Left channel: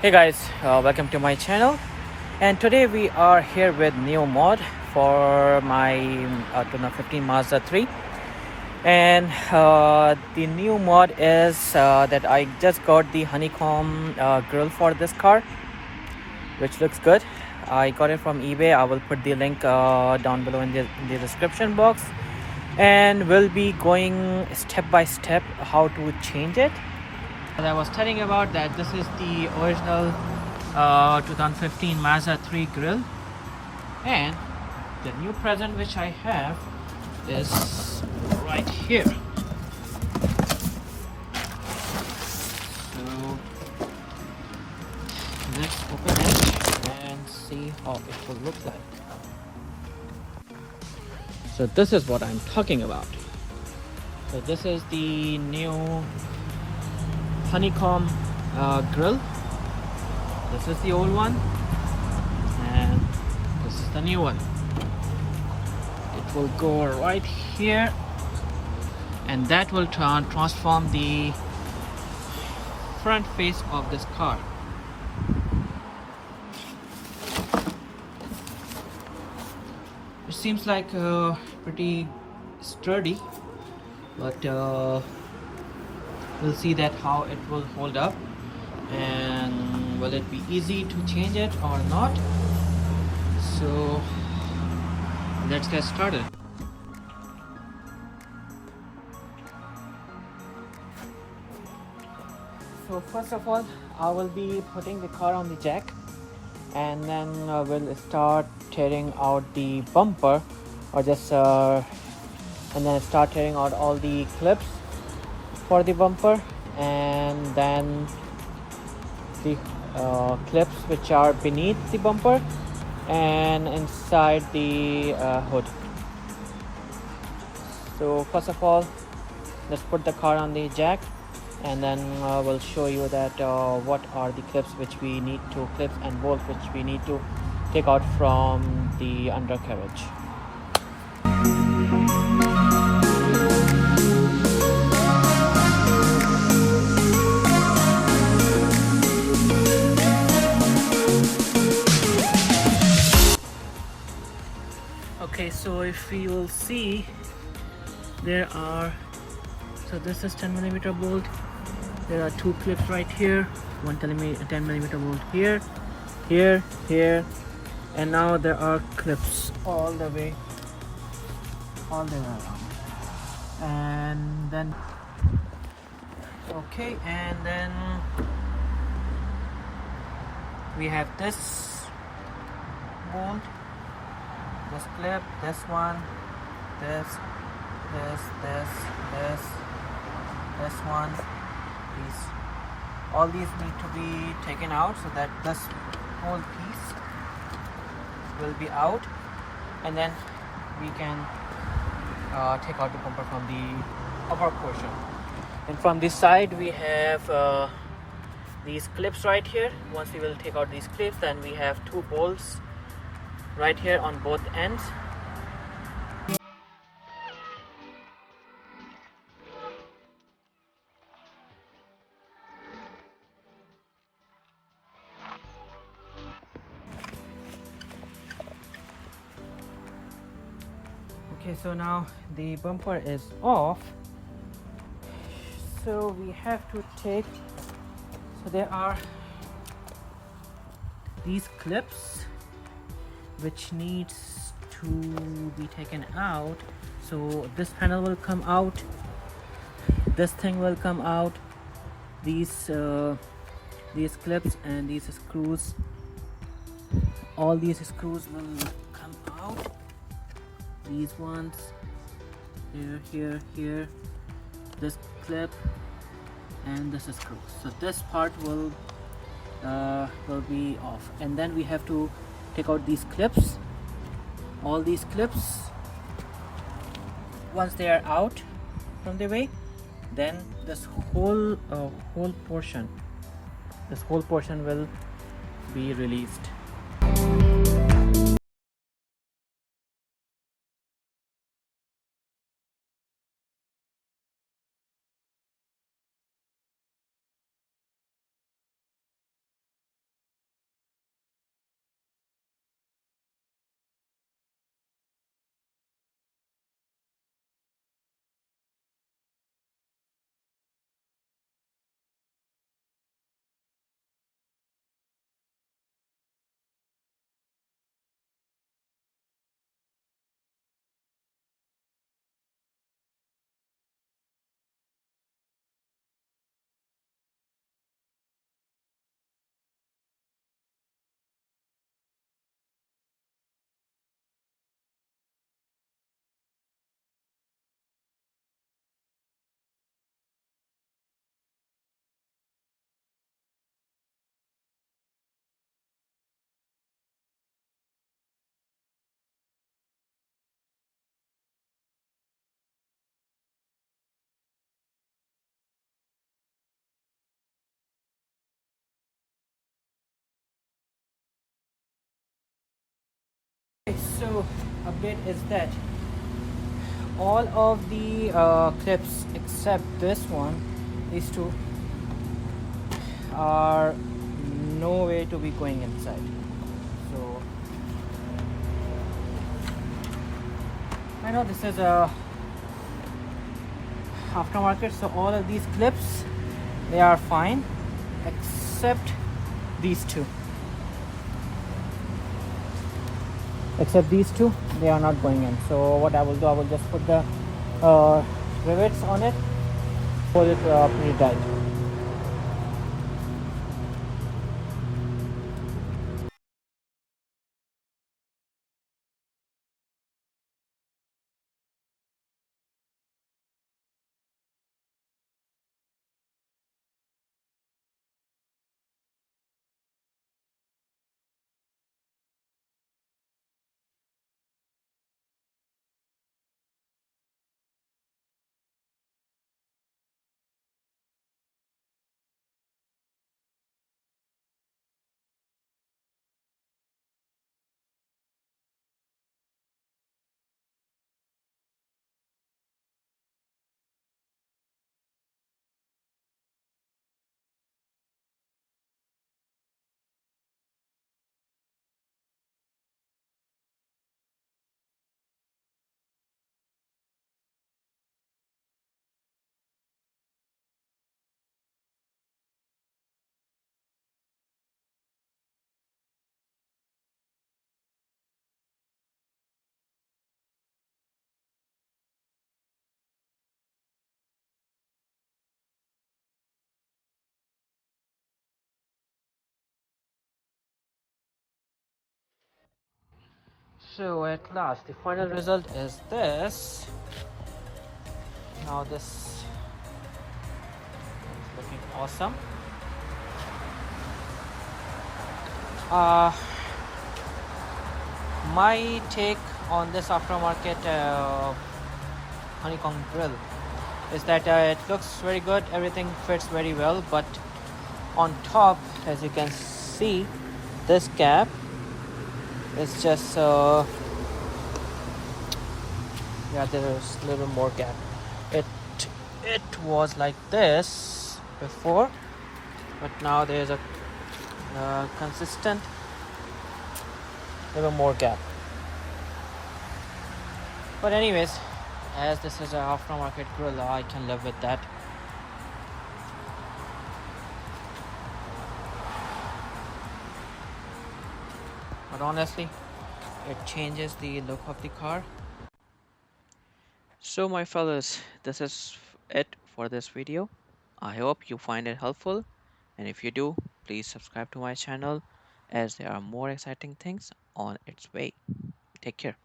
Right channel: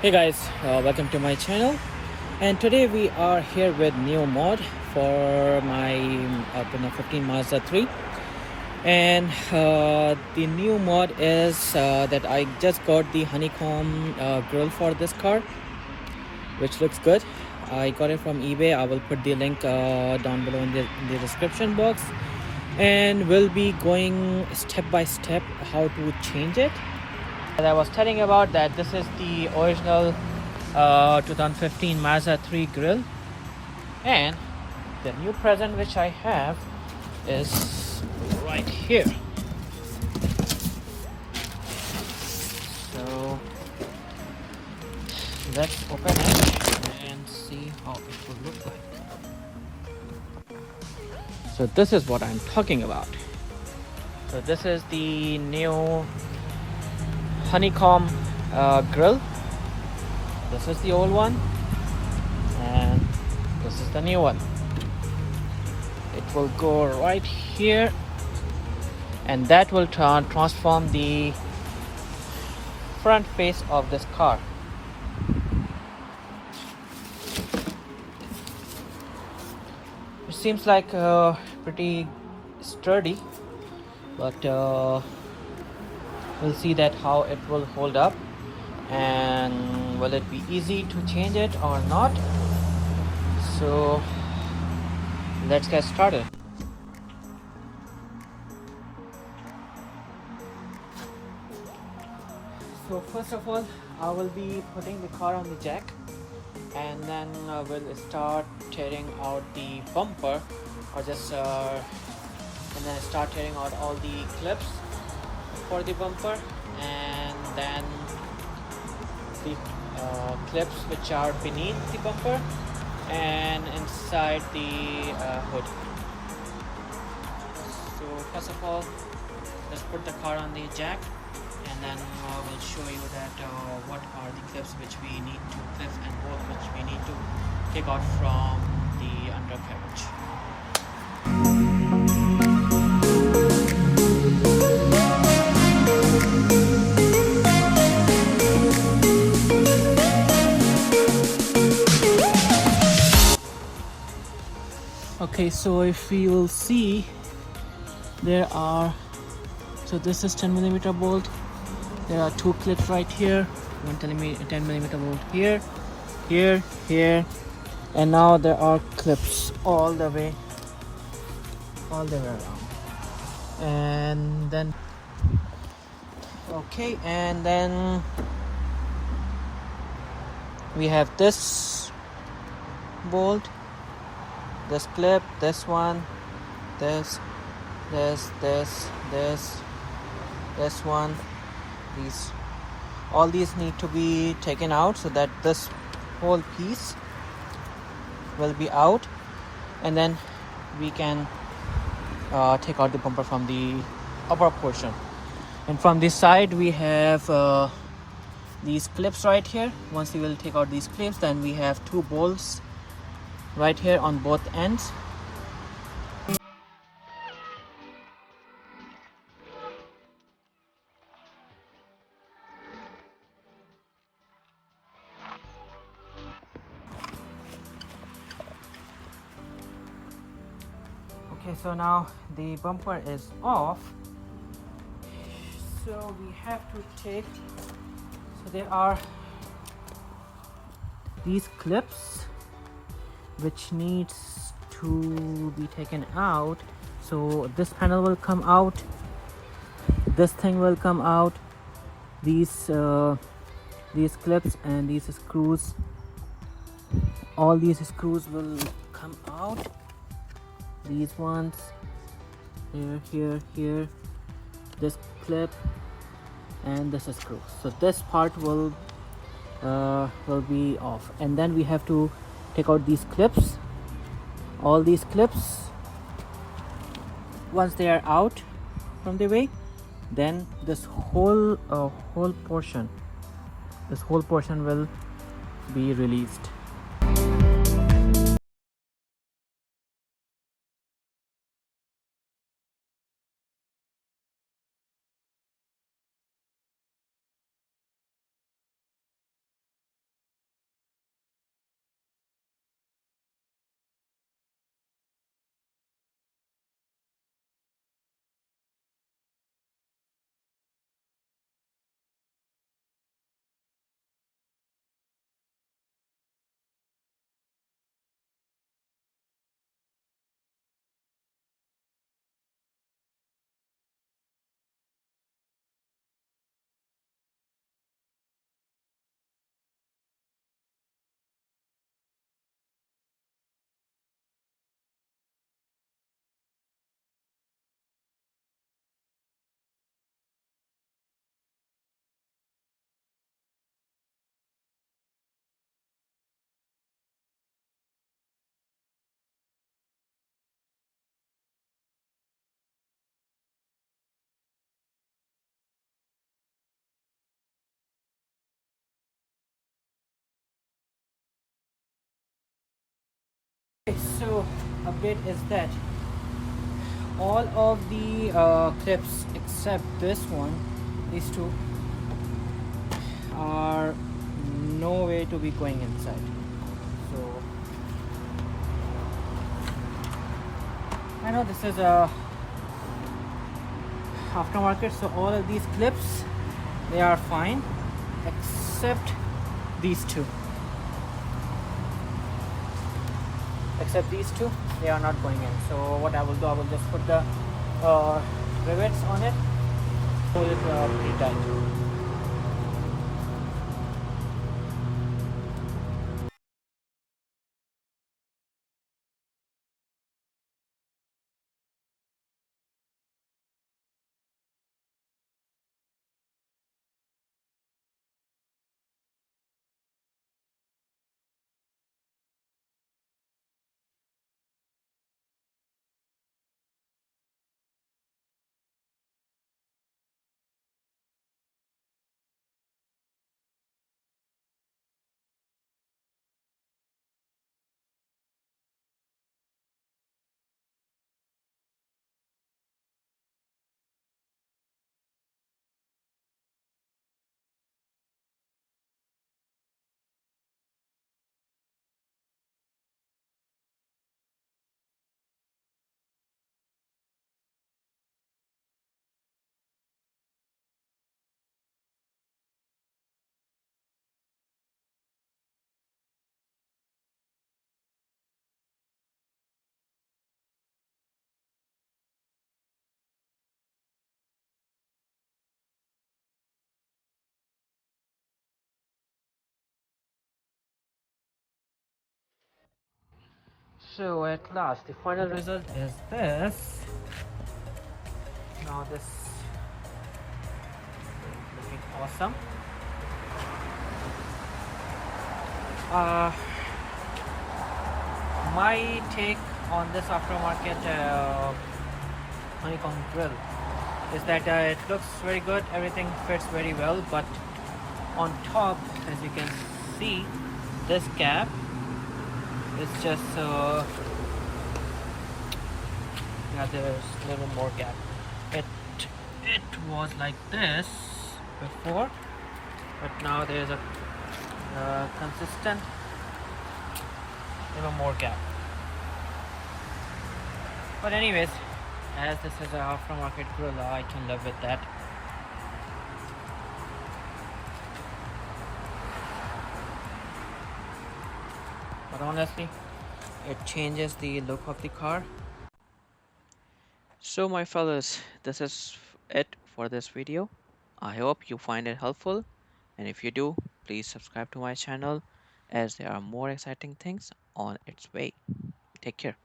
Hey guys, welcome to my channel. And today we are here with new mod for my 2015 Mazda 3. And the new mod is that I just got the Honeycomb grill for this car, which looks good. I got it from eBay. I will put the link down below in the description box, and we'll be going step by step how to change it. And I was telling about that this is the original 2015 Mazda 3 Grille, and the new present which I have is right here. So let's open it and see how it will look like. So this is what I'm talking about. So this is the new Honeycomb grill. This is the old one, and this is the new one. It will go right here, and that will transform the front face of this car. It seems like pretty sturdy, but we'll see that how it will hold up, and will it be easy to change it or not. So let's get started. So first of all, I will be putting the car on the jack, and then we'll start tearing out the bumper, or just and then start tearing out all the clips for the bumper, and then the clips which are beneath the bumper and inside the hood. So first of all, let's put the car on the jack, and then we'll show you that what are the clips which we need to, clips and bolts which we need to take out from the undercarriage. Okay, so if you'll see, there are, so this is 10mm bolt. There are two clips right here, 10mm bolt here, here, and now there are clips all the way around. And then okay, and then we have this bolt, this clip, this one, this one. All these need to be taken out so that this whole piece will be out, and then we can take out the bumper from the upper portion. And from this side we have these clips right here. Once we will take out these clips, then we have two bolts right here on both ends. Okay, so now the bumper is off, so we have to take, so there are these clips which needs to be taken out. So this panel will come out, this thing will come out, these clips and these screws, all these screws will come out. These ones, here, this clip and this screw. So this part will be off, and then we have to take out these clips, all these clips. Once they are out from the way, then this whole portion will be released. Okay, so update is that all of the clips except this one, these two, are no way to be going inside. So I know this is a aftermarket, so all of these clips, they are fine except these two. Except these two, they are not going in. So what I will do, I will just put the rivets on it, pull it pretty tight. So at last, the final result is this. Now this is looking awesome. Uh, my take on this aftermarket Honeycomb grill is that it looks very good, everything fits very well, but on top, as you can see, this gap is just yeah, there is a little more gap. it it was like this before, but now there's a consistent little more gap. But anyways, as this is an aftermarket grill, I can live with that. But honestly, it changes the look of the car. So my fellas, this is it for this video. I hope you find it helpful, and if you do, please subscribe to my channel as there are more exciting things on its way. Take care.